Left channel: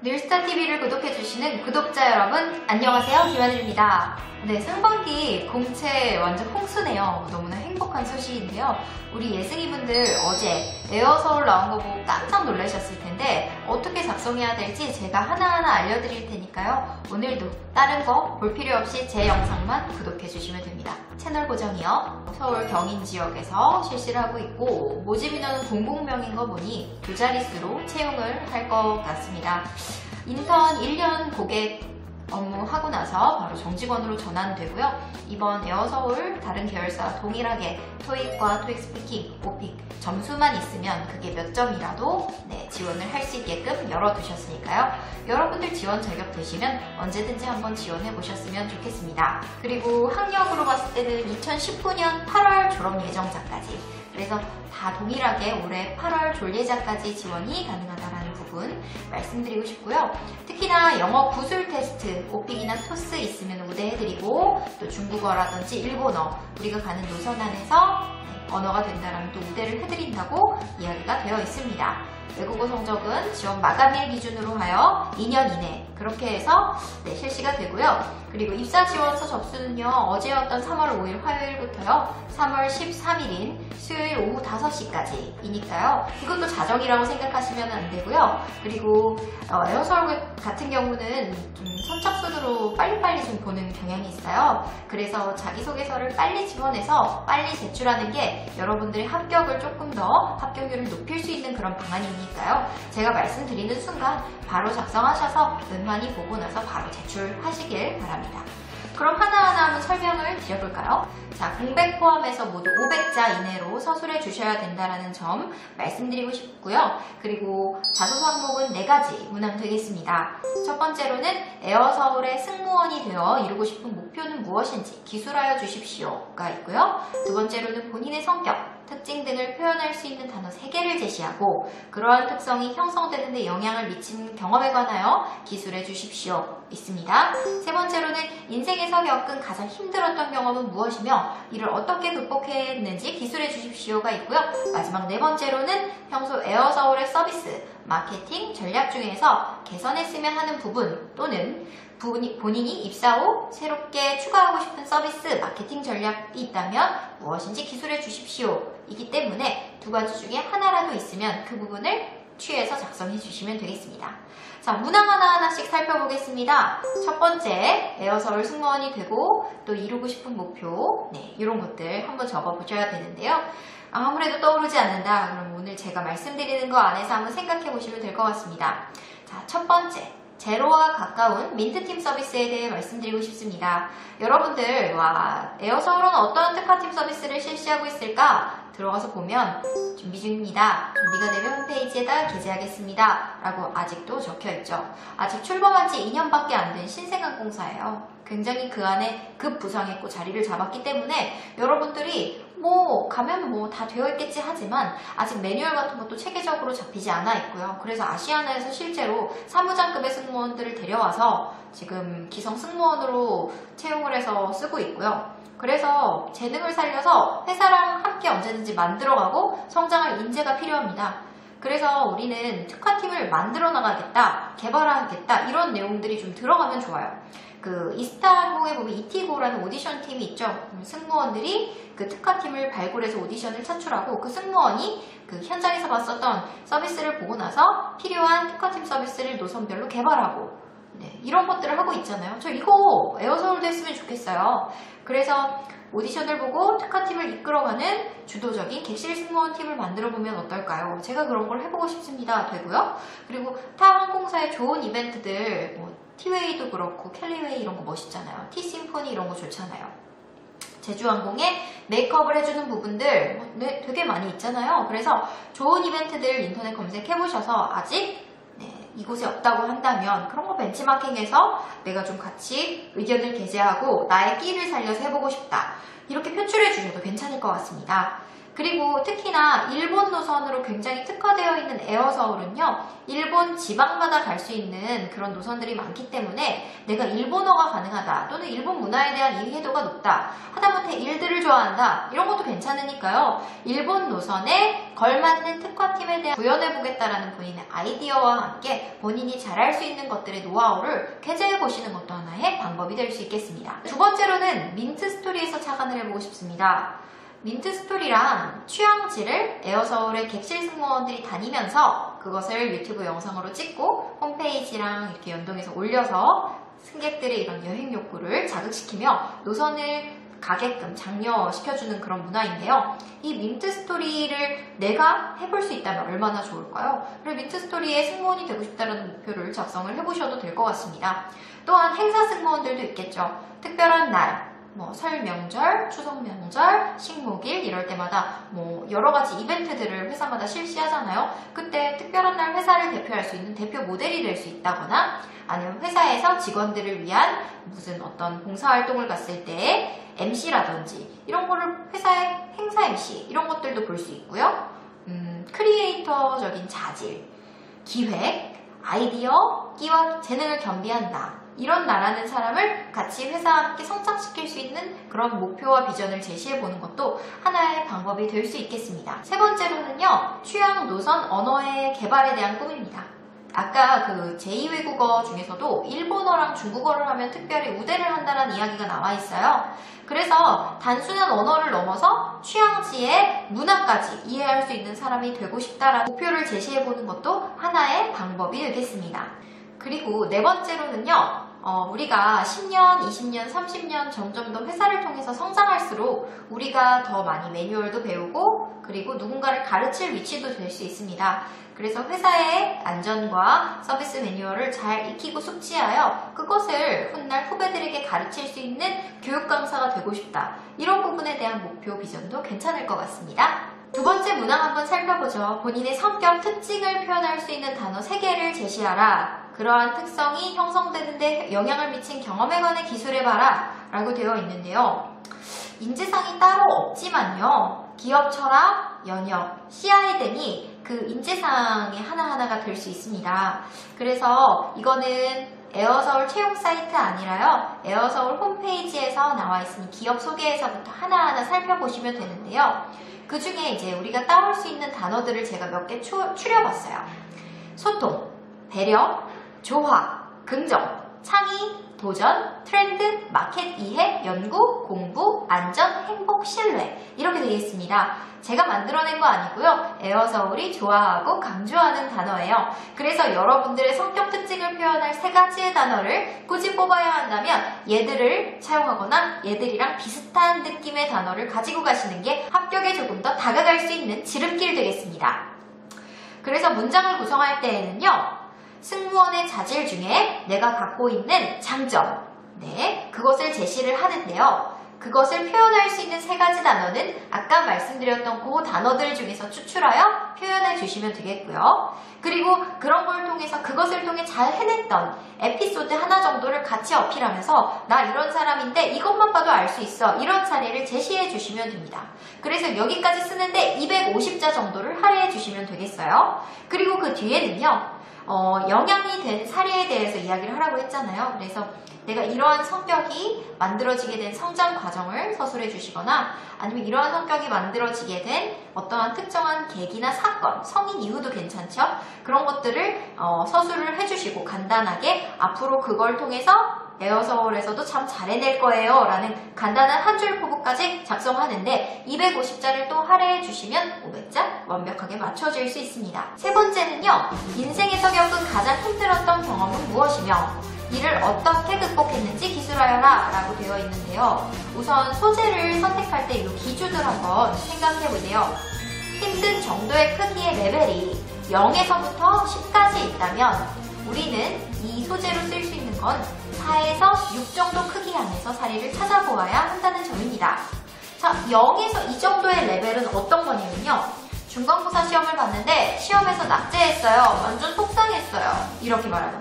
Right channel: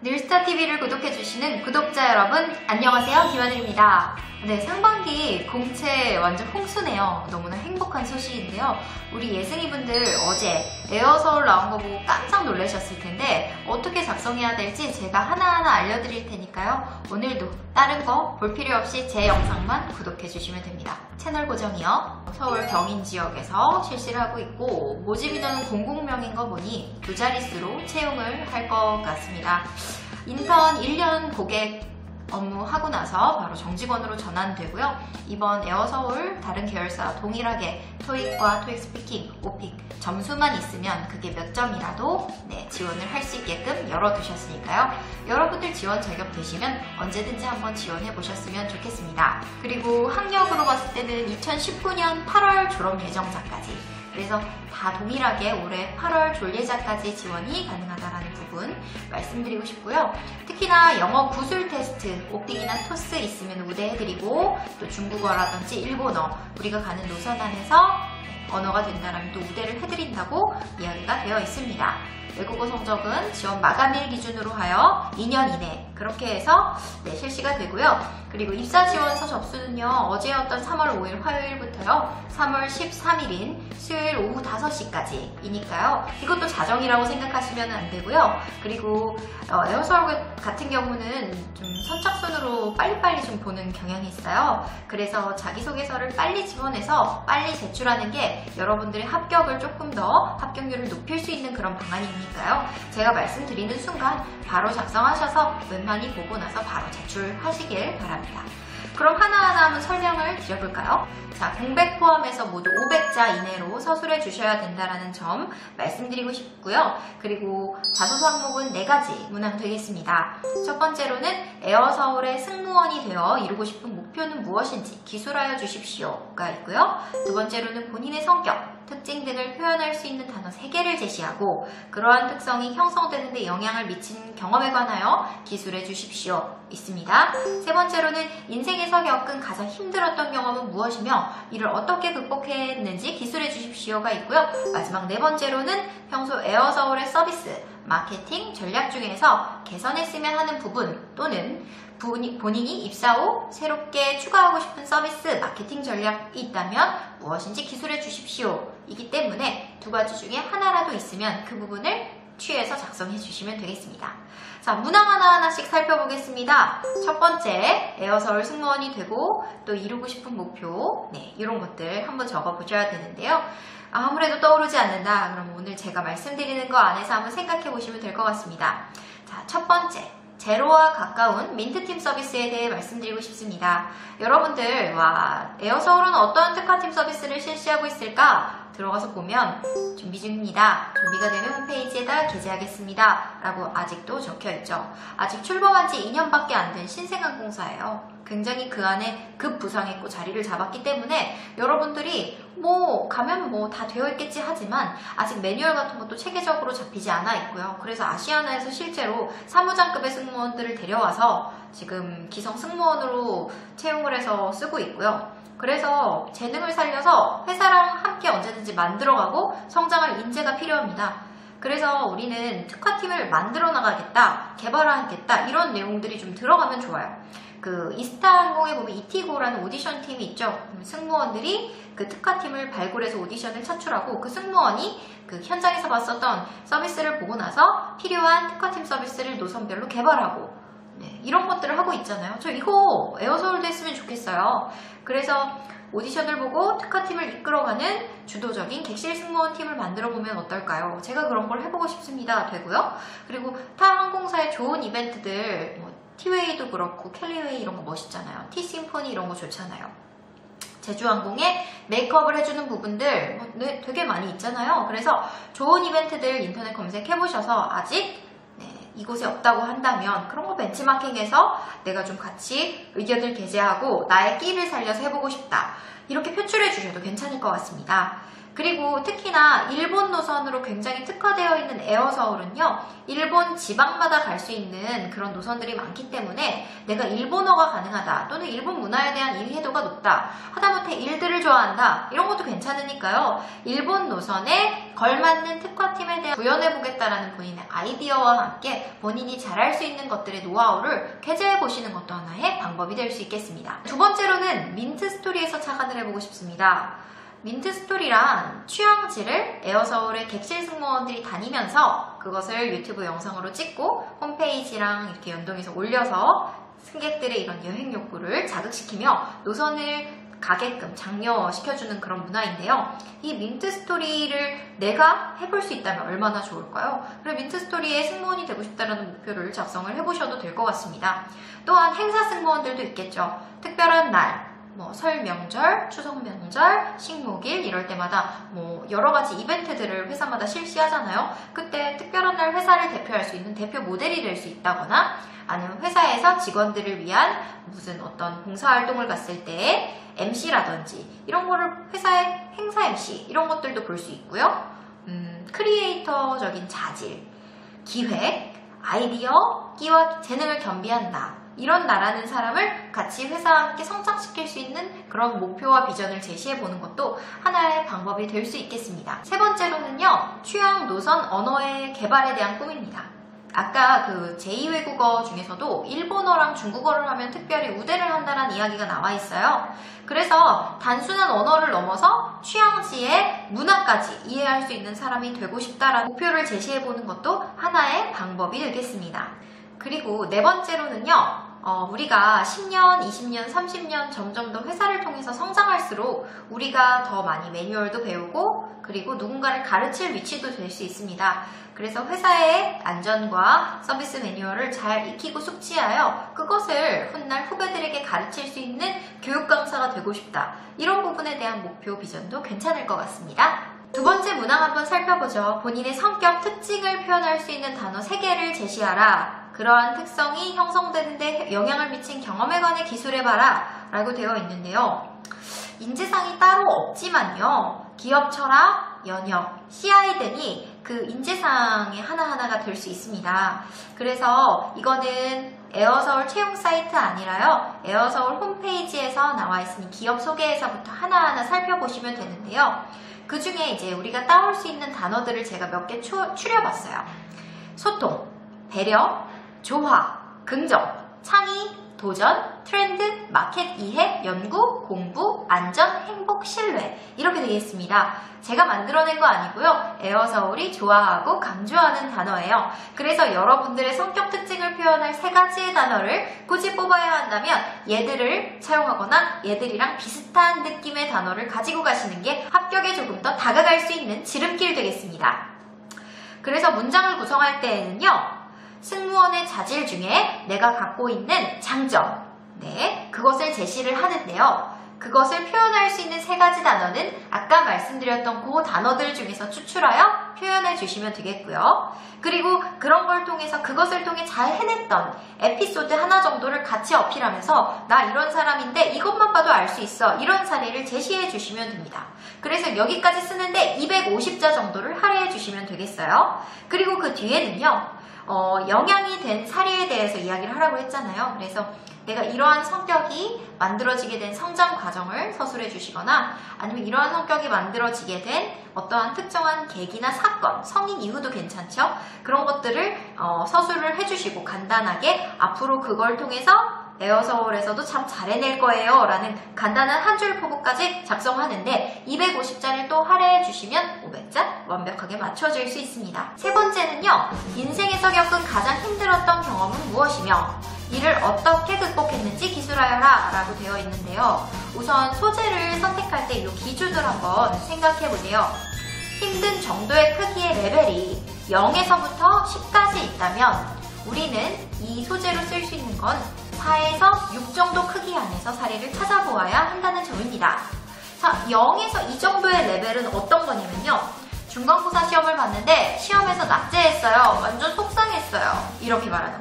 늘스타TV를 구독해주시는 구독자 여러분, 안녕하세요. 김하늘입니다. 네, 상반기 공채 완전 홍수네요. 너무나 행복한 소식인데요. 우리 예승이분들 어제 에어서울 나온 거 보고 깜짝 놀라셨을 텐데 어떻게 작성해야 될지 제가 하나하나 알려드릴 테니까요. 오늘도 다른 거 볼 필요 없이 제 영상만 구독해주시면 됩니다. 채널 고정이요. 서울 경인 지역에서 실시를 하고 있고 모집 인원은 공공명인 거 보니 두 자릿수로 채용을 할 것 같습니다. 인턴 1년 고객 업무하고 나서 바로 정직원으로 전환되고요. 이번 에어서울 다른 계열사와 동일하게 토익과 토익 스피킹, 오픽 점수만 있으면 그게 몇 점이라도 지원을 할 수 있게끔 열어두셨으니까요. 여러분들 지원 자격 되시면 언제든지 한번 지원해 보셨으면 좋겠습니다. 그리고 학력으로 봤을 때는 2019년 8월 졸업 예정자까지, 그래서 다 동일하게 올해 8월 졸예자까지 지원이 가능하다는 부분 말씀드리고 싶고요. 특히나 영어 구술 테스트, 오픽이나 토스 있으면 우대해드리고, 또 중국어라든지 일본어 우리가 가는 노선 안에서 언어가 된다면 또 우대를 해드린다고 이야기가 되어 있습니다. 외국어 성적은 지원 마감일 기준으로 하여 2년 이내 그렇게 해서 실시가 되고요. 그리고 입사 지원서 접수는요, 어제였던 3월 5일 화요일부터요 3월 13일인 수요일 오후 5시까지 이니까요. 이것도 자정이라고 생각하시면 안 되고요. 그리고 에어서울 같은 경우는 좀 선착순으로 빨리빨리 좀 보는 경향이 있어요. 그래서 자기소개서를 빨리 지원해서 빨리 제출하는 게 여러분들의 합격을 조금 더 합격률을 높일 수 있는 그런 방안이니까요. 제가 말씀드리는 순간 바로 작성하셔서 웬만히 보고 나서 바로 제출하시길 바랍니다. 그럼 하나하나 한번 설명을 드려볼까요? 자, 공백 포함해서 모두 500자 이내로 서술해 주셔야 된다는 점 말씀드리고 싶고요. 그리고 자소서 항목은 4가지 문항 되겠습니다. 첫 번째로는 에어서울의 승무원이 되어 이루고 싶은 목표는 무엇인지 기술하여 주십시오가 있고요. 두 번째로는 본인의 성격, 특징 등을 표현할 수 있는 단어 3개를 제시하고 그러한 특성이 형성되는 데 영향을 미치는 경험에 관하여 기술해 주십시오 있습니다. 세 번째로는 인생에서 겪은 가장 힘들었던 경험은 무엇이며 이를 어떻게 극복했는지 기술해 주십시오가 있고요. 마지막 4번째로는 평소 에어서울의 서비스, 마케팅, 전략 중에서 개선했으면 하는 부분 또는 본인이 입사 후 새롭게 추가하고 싶은 서비스, 마케팅 전략이 있다면 무엇인지 기술해 주십시오 이기 때문에 2가지 중에 하나라도 있으면 그 부분을 취해서 작성해 주시면 되겠습니다. 자, 문항 하나하나씩 살펴보겠습니다. 첫 번째, 에어서울 승무원이 되고 또 이루고 싶은 목표, 이런 것들 한번 적어보셔야 되는데요. 아무래도 떠오르지 않는다. 그럼 오늘 제가 말씀드리는 거 안에서 한번 생각해 보시면 될 것 같습니다. 자, 첫 번째, 제로와 가까운 민트팀 서비스에 대해 말씀드리고 싶습니다. 여러분들, 에어서울은 어떠한 특화팀 서비스를 실시하고 있을까? 들어가서 보면 준비 중입니다. 준비가 되면 홈페이지에다 게재하겠습니다 라고 아직도 적혀있죠. 아직 출범한 지 2년밖에 안 된 신생항공사예요. 굉장히 그 안에 급부상했고 자리를 잡았기 때문에 여러분들이 가면 다 되어 있겠지 하지만 아직 매뉴얼 같은 것도 체계적으로 잡히지 않아 있고요. 그래서 아시아나에서 실제로 사무장급의 승무원들을 데려와서 지금 기성 승무원으로 채용을 해서 쓰고 있고요. 그래서 재능을 살려서 회사랑 함께 언제든지 만들어가고 성장할 인재가 필요합니다. 그래서 우리는 특화팀을 만들어 나가겠다, 개발하겠다 이런 내용들이 좀 들어가면 좋아요. 그 이스타항공에 보면 이티고라는 오디션 팀이 있죠. 승무원들이 그 특화팀을 발굴해서 오디션을 차출하고 그 승무원이 그 현장에서 봤었던 서비스를 보고 나서 필요한 특화팀 서비스를 노선별로 개발하고 이런 것들을 하고 있잖아요. 저 이거 에어서울도 했으면 좋겠어요. 그래서 오디션을 보고 특화팀을 이끌어가는 주도적인 객실 승무원 팀을 만들어보면 어떨까요? 제가 그런 걸 해보고 싶습니다. 되고요. 그리고 타 항공사의 좋은 이벤트들, 티웨이도 그렇고 캘리웨이 이런 거 멋있잖아요. 티심포니 이런 거 좋잖아요. 제주항공에 메이크업을 해주는 부분들 되게 많이 있잖아요. 그래서 좋은 이벤트들 인터넷 검색해보셔서 아직 이곳에 없다고 한다면 그런 거 벤치마킹해서 내가 좀 같이 의견을 게재하고 나의 끼를 살려서 해보고 싶다. 이렇게 표출해 주셔도 괜찮을 것 같습니다. 그리고 특히나 일본 노선으로 굉장히 특화되어 있는 에어서울은요, 일본 지방마다 갈 수 있는 그런 노선들이 많기 때문에 내가 일본어가 가능하다, 또는 일본 문화에 대한 이해도가 높다, 하다못해 일들을 좋아한다, 이런 것도 괜찮으니까요. 일본 노선에 걸맞는 특화팀에 대한 구현해보겠다라는 본인의 아이디어와 함께 본인이 잘할 수 있는 것들의 노하우를 게재해보시는 것도 하나의 방법이 될 수 있겠습니다. 두 번째로는 민트스토리에서 착안을 해보고 싶습니다. 민트스토리란 취향지를 에어서울의 객실 승무원들이 다니면서 그것을 유튜브 영상으로 찍고 홈페이지랑 이렇게 연동해서 올려서 승객들의 이런 여행 욕구를 자극시키며 노선을 가게끔 장려시켜주는 그런 문화인데요. 이 민트스토리를 내가 해볼 수 있다면 얼마나 좋을까요? 그리고 민트스토리의 승무원이 되고 싶다는 목표를 작성을 해보셔도 될 것 같습니다. 또한 행사 승무원들도 있겠죠. 특별한 날, 설 명절, 추석 명절, 식목일 이럴 때마다 여러 가지 이벤트들을 회사마다 실시하잖아요. 그때 특별한 날 회사를 대표할 수 있는 대표 모델이 될 수 있다거나, 아니면 회사에서 직원들을 위한 무슨 어떤 봉사활동을 갔을 때 MC라든지 이런 거를 회사의 행사 MC 이런 것들도 볼 수 있고요. 크리에이터적인 자질, 기획, 아이디어, 끼와 재능을 겸비한 나, 이런 나라는 사람을 같이 회사와 함께 성장시킬 수 있는 그런 목표와 비전을 제시해보는 것도 하나의 방법이 될 수 있겠습니다. 세 번째로는요, 취향 노선 언어의 개발에 대한 꿈입니다. 아까 그 제2외국어 중에서도 일본어랑 중국어를 하면 특별히 우대를 한다는 이야기가 나와 있어요. 그래서 단순한 언어를 넘어서 취향지의 문화까지 이해할 수 있는 사람이 되고 싶다라는 목표를 제시해보는 것도 하나의 방법이 되겠습니다. 그리고 네 번째로는요, 우리가 10년, 20년, 30년 점점 더 회사를 통해서 성장할수록 우리가 더 많이 매뉴얼도 배우고 그리고 누군가를 가르칠 위치도 될 수 있습니다. 그래서 회사의 안전과 서비스 매뉴얼을 잘 익히고 숙지하여 그것을 훗날 후배들에게 가르칠 수 있는 교육 강사가 되고 싶다. 이런 부분에 대한 목표, 비전도 괜찮을 것 같습니다. 두 번째 문항 한번 살펴보죠. 본인의 성격, 특징을 표현할 수 있는 단어 3개를 제시하라. 그러한 특성이 형성되는데 영향을 미친 경험에 관해 기술해봐라 라고 되어 있는데요. 인재상이 따로 없지만요, 기업 철학, 연역, CI 등이 그 인재상의 하나하나가 될 수 있습니다. 그래서 이거는 에어서울 채용 사이트 아니라요, 에어서울 홈페이지에서 나와 있으니 기업 소개에서부터 하나하나 살펴보시면 되는데요. 그 중에 이제 우리가 따올 수 있는 단어들을 제가 몇 개 추려봤어요. 소통, 배려, 조화, 긍정, 창의, 도전, 트렌드, 마켓 이해, 연구, 공부, 안전, 행복, 신뢰 이렇게 되겠습니다. 제가 만들어낸 거 아니고요. 에어서울이 좋아하고 강조하는 단어예요. 그래서 여러분들의 성격 특징을 표현할 3가지의 단어를 굳이 뽑아야 한다면 얘들을 차용하거나 얘들이랑 비슷한 느낌의 단어를 가지고 가시는 게 합격에 조금 더 다가갈 수 있는 지름길 되겠습니다. 그래서 문장을 구성할 때에는요, 승무원의 자질 중에 내가 갖고 있는 장점, 그것을 제시를 하는데요. 그것을 표현할 수 있는 3가지 단어는 아까 말씀드렸던 그 단어들 중에서 추출하여 표현해 주시면 되겠고요. 그리고 그런 걸 통해서 그것을 통해 잘 해냈던 에피소드 하나 정도를 같이 어필하면서 나 이런 사람인데 이것만 봐도 알 수 있어, 이런 사례를 제시해 주시면 됩니다. 그래서 여기까지 쓰는데 250자 정도를 할애해 주시면 되겠어요. 그리고 그 뒤에는요, 영향이 된 사례에 대해서 이야기를 하라고 했잖아요. 그래서 내가 이러한 성격이 만들어지게 된 성장 과정을 서술해 주시거나, 아니면 이러한 성격이 만들어지게 된 어떠한 특정한 계기나 사건, 성인 이후도 괜찮죠? 그런 것들을 서술을 해주시고 간단하게 앞으로 그걸 통해서 에어서울에서도 참 잘해낼 거예요 라는 간단한 한 줄 포부까지 작성하는데 250자를 또 할애해 주시면 500자 완벽하게 맞춰질 수 있습니다. 세 번째는요, 인생에서 겪은 가장 힘들었던 경험은 무엇이며 이를 어떻게 극복했는지 기술하여라 라고 되어 있는데요. 우선 소재를 선택할 때 이 기준을 한번 생각해 보세요. 힘든 정도의 크기의 레벨이 0에서부터 10까지 있다면 우리는 이 소재로 쓸 수 있는 건 4에서 6 정도 크기 안에서 사례를 찾아보아야 한다는 점입니다. 자, 0에서 이 정도의 레벨은 어떤 거냐면요, 중간고사 시험을 봤는데 시험에서 낙제했어요. 완전 속상했어요. 이렇게 말하는